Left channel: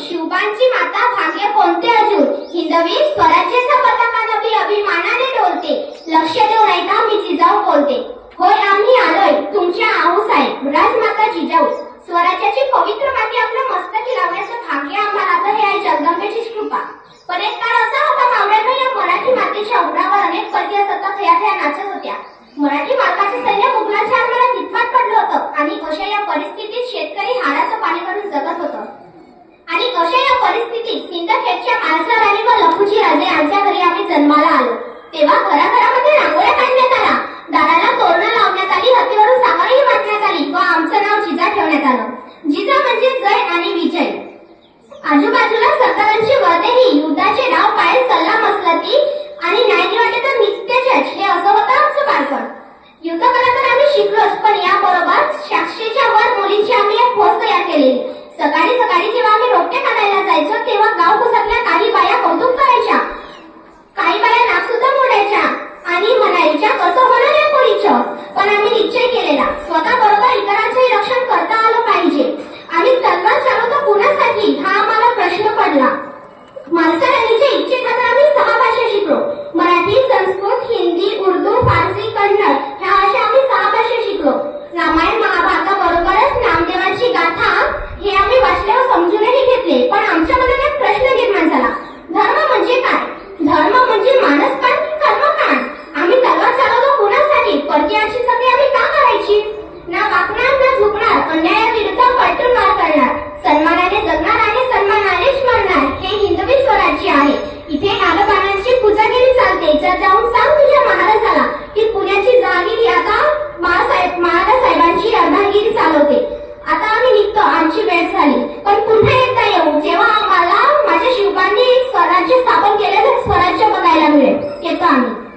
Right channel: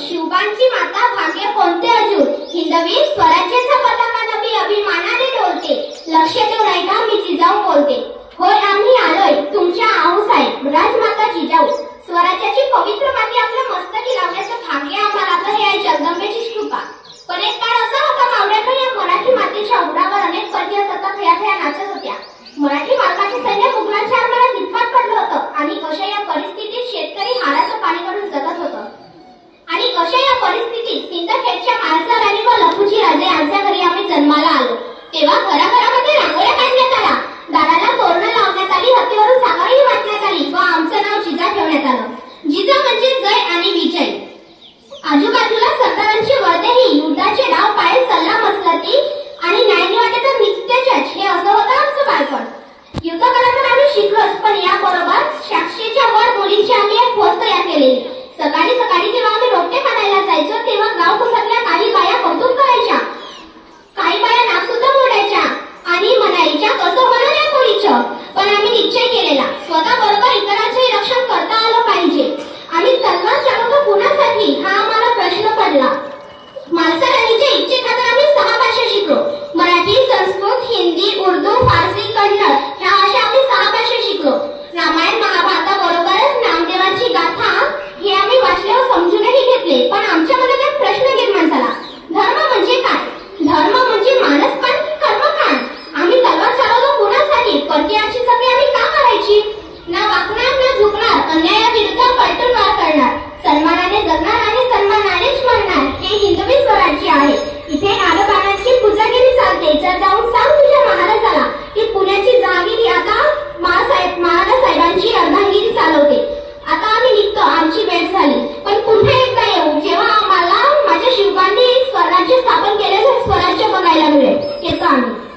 शिवबांची माता भाग्य कोणते अजून, हिंदवी स्वराज्याचा पताका नभी अभिमानाने डोलते, लक्ष देऊ नाही का मी जिजाऊ बोलते. होय आम्ही आलोय तुमच्या आऊसाहेब राजमाता जिजाऊ, स्वराज्याची पवित्र माती आपल्या मस्तकी लावण्याचं भाग्य आम्हाला लाभलं हे जगदंबेची कृपा. पण एक काळ असा होता मावळ्यानं या मराठी मातीच्या उरावर अनेक परकीय सत्ता थया नाचत होत्या. मराठी माताचे सैन्य मुघलांच्या आरमारात निपात पडलं होतं आणि अशा या परिस्थितीत शेतकरी हाडाचं पाणी काढून जगत होतं. आणि अशा या परिस्थितीत सिंदखेडच्या खालसा राणी व लखुजी राजे यांच्या घरी आम्ही जन्माला आलो. तेव्हा घराघरामध्ये रांगोळ्या काढण्यात आला, दाराला तोरणं लावण्यात आली, हत्तीवरून सावरही वाटण्यात आली व आमचं नाव जिजा ठेवण्यात आलं. जिजा म्हणजे जय आणि विजय. आजूबाजूला सरदारांची वर्देही, युद्धाचे नाव पाय सल्ला मसलती आणि न्यायनिवाडे तर नित्याच्याच, हे असं होतं आमचं बालपण. युद्ध कला आम्ही शिकलोच, पण याबरोबर 700च्या वर मुलींची आम्ही एक फौज तयार केलेली. सकाळी सकाळी जेव्हा आम्ही रोपटे काढायला जायचो तेव्हा गाव कुसातल्या काही बाया कौतुक करायच्या, काही बाया नाक सुद्धा मोडायच्या आणि म्हणायच्या कसं होणार या पोरीचं. पण आम्ही निश्चय केलेला स्वतः बरोबर इतरांचंही रक्षण करता आलं पाहिजे. आणि तलवार चालवतो कुणासाठी हा आम्हाला प्रश्न पडला. मालसर राणीच्या इच्छेखातर आम्ही 6 भाषा शिकलो. मराठी, संस्कृत, हिंदी, उर्दू, फारसी, कन्नड ह्या अशा आम्ही 6 भाषा शिकलो. रामायण महाभारताबरोबरच नामदेवाची गाथा हे आम्ही वाचल्यावर समजूनही घेतले. पण आमच्या मनात एक प्रश्न निर्माण झाला, धर्म म्हणजे काय? धर्म म्हणजे मानसकान की कर्मकान? आम्ही तलवार चालवतो कुणासाठी? परकीयांची सगळी आम्ही का करायची? ना वाकणार ना झुकणार, अन्यायाविरुद्ध पलटून मार करणार, सन्मानाने जगणार आणि सन्मानानेच मरणार, हे हिंदवी स्वराज्य आहे. इथे नागबाणांची पूजागिरी चालते. जर जाऊन सांग तुझ्या महाराजाला की पुण्याची जहागिरी आता महाराजसाहेबांची अर्धागिरी चालवते. आता आम्ही निघतो, आमची भेट झाली. पण पुन्हा एकदा येऊ जेव्हा आम्हाला माझ्या शिवबांनी स्वराज्य स्थापन केलेलं स्वराज्य बघायला मिळेल. येतो आम्ही.